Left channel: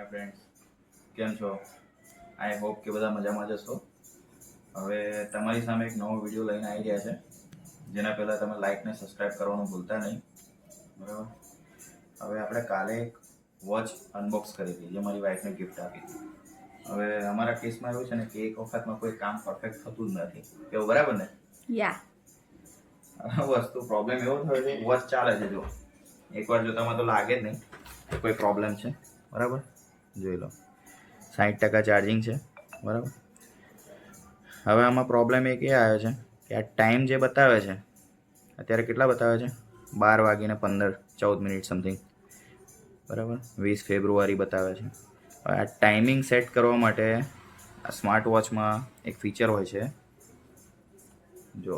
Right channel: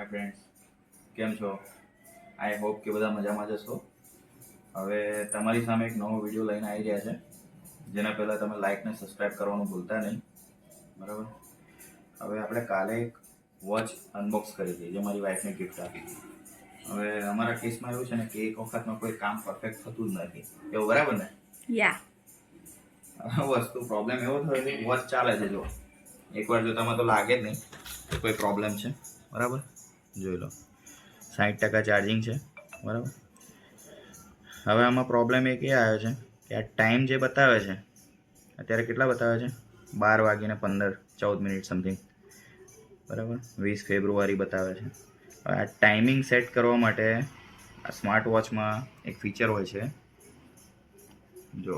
Hi friends, કેમ છો? I hope કે બધા મજામાં જ હશો. હવે તમારી સામે એક નવો વિડીયો લઈને આવી રહ્યા છે, જેના પહેલાં તમે લાઇક ને સબસ્ક્રાઈબ કરવાનું ભૂલતા નહીં, બરાબર? હવે આપણે કાલે એક વોચ અનબોક્સ કરી હતી, જે મારી વાઈફને ગિફ્ટ આપી હતી. હવે અમારા કેસમાં એવું છે ને કે એક વખતમાં કોઈ કામ પરફેક્ટ થતું જ નથી, એવું બરાબર ને? વસ્તુ પ્રોબ્લેમ એવો થયો છે, વોચ ચાલે છે, જો એકવાર જોતામાં તો લાગે જ નહીં કોઈ પ્રોબ્લેમ છે, બરાબર? જોઈ લો 60% ચાર્જિંગ છે, બરાબર. હવે આમાં પ્રોબ્લેમ એક એ આવ્યો છે કે આ ટાઈમ જે બતાવે છે અત્યારે કેટલા બતાવે છે 12:15-14 સમથિંગ, બરાબર. 20 ફેબ્રુઆરી બતાવે છે. હવે આ ટાઈમિંગ સેટ કરવા માટે આ સ્માર્ટ વોચમાં એક ફીચર હોય છે, જો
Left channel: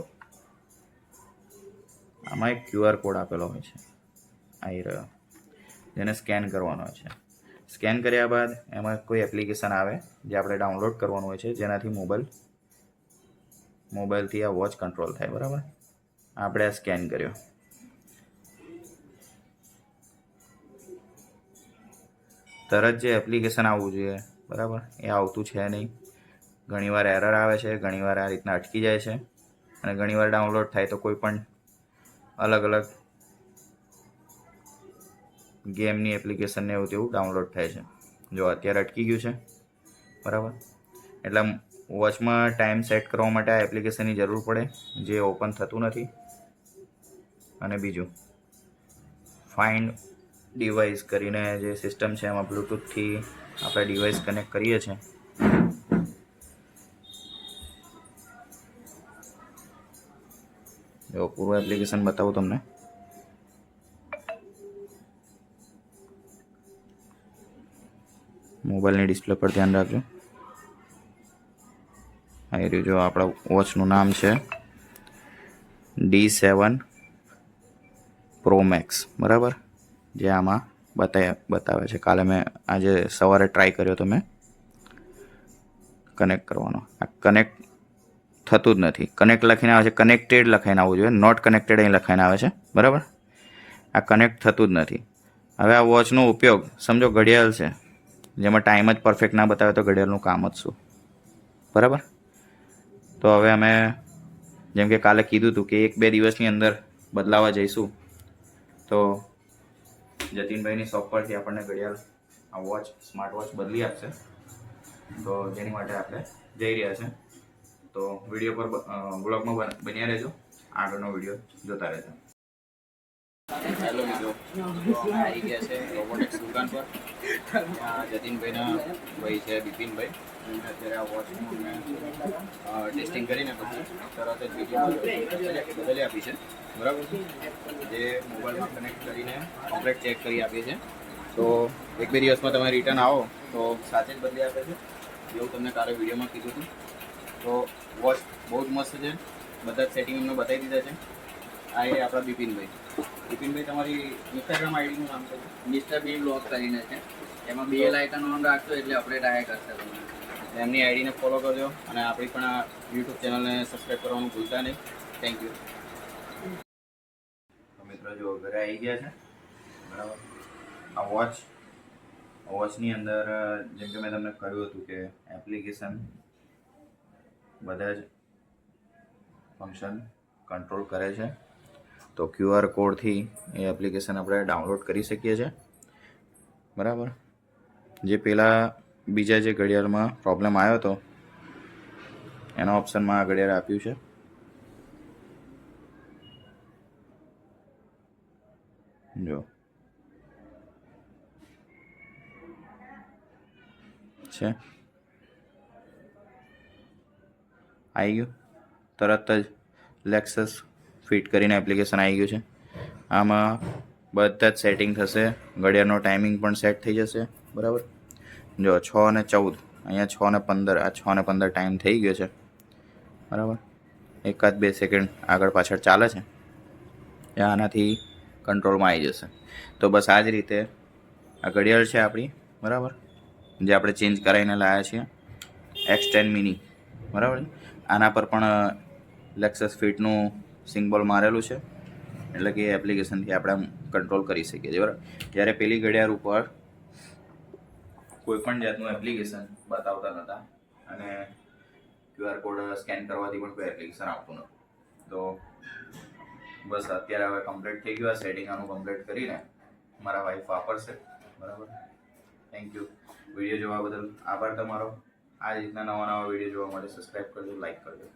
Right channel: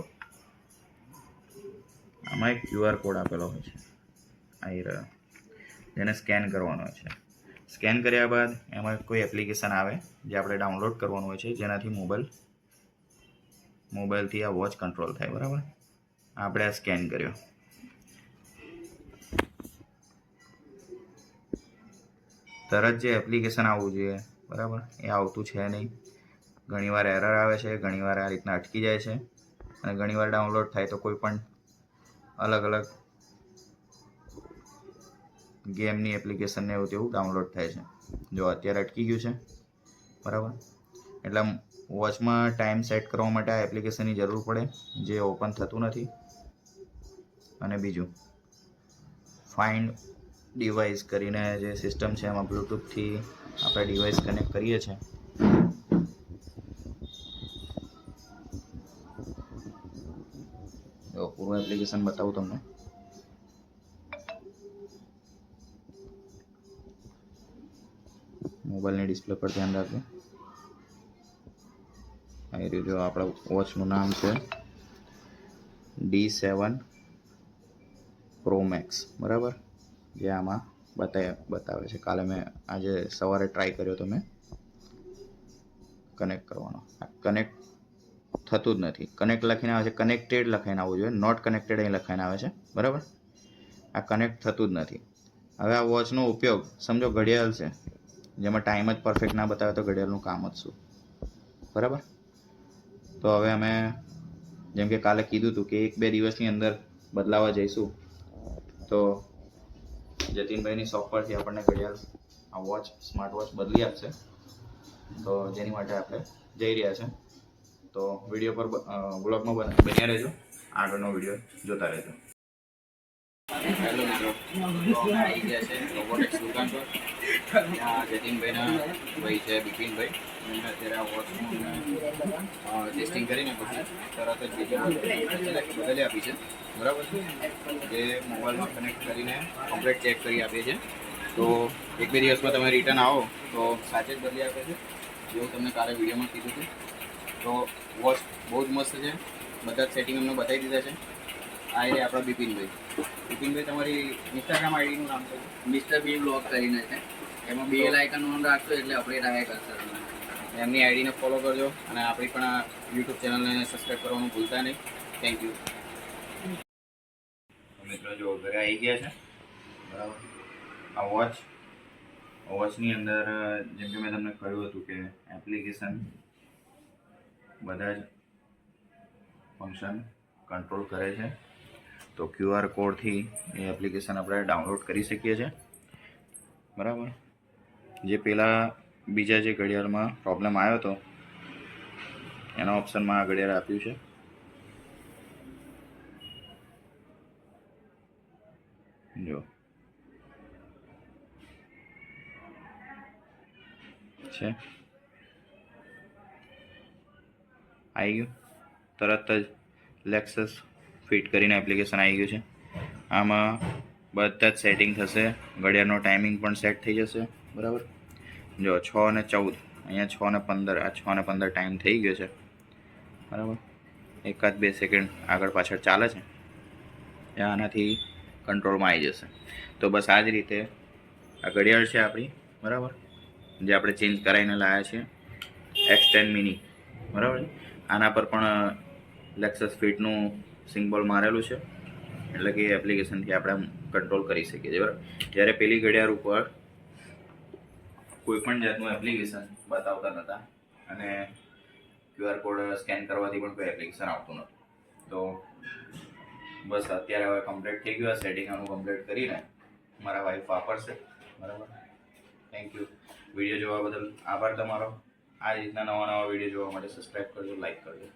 આમાં એક QR કોડ આપેલો હોય છે, આવી રહ્યો, જેને સ્કેન કરવાનો હોય છે. સ્કેન કર્યા બાદ એમાં કોઈ એપ્લિકેશન આવે જે આપણે ડાઉનલોડ કરવાનું હોય છે, જેનાથી મોબાઈલથી આ વોચ કંટ્રોલ થાય, બરાબર. આપણે આ સ્કેન કર્યો, તરત જે એપ્લિકેશન આવવું જોઈએ, બરાબર, એ આવતું છે નહીં. ઘણીવાર એરર આવે છે, ઘણીવાર આ રીતના અટકી જાય છે, અને ઘણીવાર ડાઉનલોડ થાય તો કોઈ પણ અલગ અલગ ગેમની એપ્લિકેશનને એવું તેવું ડાઉનલોડ થાય છે. જો અત્યારે અટકી ગયું છે, બરાબર. એટલે વોચમાં ટાઈમ સેટ કરવા માટે આ એપ્લિકેશનની જરૂર પડે, જે ઓપન થતું નથી. અને બીજું ફાઇન્ડ ડિવાઇસ કરીને જે સિસ્ટમ છે, એમાં બ્લૂટૂથથી આપણે ડિવાઇસ કનેક્ટ કરીએ છીએ. જો પૂરું એપ્લિકેશન બતાવું તમને. મોબાઈલની ડિસ્પ્લે પર ધ્યાન રાખજો. આવી રહ્યું, જો આપણા વોચનું નામ છે D7 Pro Max, બરાબર, જે આમાં બતાવે છે. કાલે મેં આજે સવારે ટ્રાય કર્યો તો મેં કનેક્ટ કરવાનો, આ કનેક્ટ થતું જ નથી. કનેક્ટ લખીને આવે છે, કનેક્ટેડ લખાઈને આવવું જોઈએ, નોટ કનેક્ટેડ અહીં લખાઈને આવે છે, બરાબર. આ કનેક્ટ થતું જ નથી. હવે આ વોચનો ઉપયોગ સમજો ઘડિયાળ છે, જેમાં ટાઈમ જ પરફેક્ટ ના બતાવે તો ઘડિયાળનું કામ જ શું, બરાબર. તો હવે અમે જેમ કે કાલે કીધું હતું કે 1-2 દિવસની અંદર બદલાવા જઈશું, તો જતીનભાઈની શોપ પરથી આપણને ઘડિયાળ આ વોચ સ્માર્ટ વોચ બદલી આપશે. તો જેની માટે આપણે જઈ રહ્યા છે. તો વિડીયો પર બ્લોગમાં બન્યા રહેજો, આગળનો વિડીયો જોતા રહેજો. હેલો મિત્રો, તો અમે આવી ગયા છે રોબોટિક્સ દુકાન પર. ત્યાં જતીનભાઈના ભાઈ છે બિપિનભાઈ, એમને અત્યારે આ વોચનું ટેસ્ટિંગ કરીને પછી તરત જ વિડીયો બદલી આપી છે, બરાબર છે. જે મોબાઈલમાં કનેક્ટ કરીને કમ્પ્લીટ ચેક કરી આપીએ છીએ. તો 1-2 દિવસમાં તમે રિટર્ન આવો તો સાચે જ બદલી આપે છે, જેવું તમને કાલે વિડીયોમાં કીધું હતું. તો વોચ બહુ જ મસ્ત છે, બધા જ સેટિંગ અમને બતાવી દીધા છે. આ એ આપણા બિપિનભાઈ. બિપિનભાઈ, તમારી ઇન્સ્ટાગ્રામ આઈડીનું નામ છે? મિસ્ટર બી બ્લોગ કરીને છે, એમાં બેલ આઇકન ઓન રાખશો એટલે અપડેટ આવ્યા કરશે તમને. એમની આઈડીને ફોલો કરજો, અને આપણી પણ આ યુટ્યુબ ચેનલને સબસ્ક્રાઈબ કરવાનું ભૂલતા નહીં. Thank you. મિત્રો, જો ઘરે આવી ગયા છે, બરાબર. આ વોચની અંદર જેમ કે મેં તમને કહ્યું હતું કે એપ્લિકેશન બધા જ ફંક્શન કંટ્રોલ કરે છે. તો QR કોડથી એ એપ્લિકેશન આપણે ડાઉનલોડ કરી શકીએ છીએ, બરાબર. જે પહેલાં બીજા જે ઘડિયાળમાં પ્રોબ્લેમ આવ્યો હતો એના ઓપ્શનમાં આ ઘડિયાળ આપ્યું છે. જો છે, આવી ગયું તરત જ લેક્સસ ફિટ કરીને એપ્લિકેશન આવી ગયું છે. આમાં બધા જ સેટિંગ થશે, ઘડિયાળનો ટાઈમિંગ પણ સેટ થઈ જશે, બરાબર. જો 6:14, અહીંયા 6:15, આ 6:15 ટાઈમ થઈ ગયો છે, બરાબર. 1-2 સેકન્ડ આગળ પાછળ ચાલે છે, એ આનાથી કંટ્રોલમાં આવી જશે. તો બસ આ જ રીતે આ ઘડિયાળ છે આપણી, બરાબર, જે આપણે ચેન્જ કરાવીને લાવ્યા છીએ X10 મિની, બરાબર. આના પર પણ લેક્સસ ફિટનું સિમ્બોલ મારેલું છે, એટલે કે એપ્લિકેશનથી આપણે કંટ્રોલ કરી શકીએ છીએ, બરાબર. જ્યારે પેલી ઘડિયાળ ઉપર કોઈ પણ જાતનું એપ્લિકેશન બતાવતા નહોતા અને QR કોડ સ્કેન કરવાથી પણ કોઈ એપ્લિકેશન આવતું નહોતું. તો બસ અત્યારે હવે કમ્પ્લીટ થઈ ગયું. આ સેટિંગ આનું કમ્પ્લીટ કરીને મારા વાઈફ વાપરશે. બરાબર, થેન્ક યુ. વિડીયો જોવા બદલ આભાર તમારો. આ રીતના નવા વિડીયો જોવા માટે સબસ્ક્રાઈબ કરજો, લાઈક કરજો.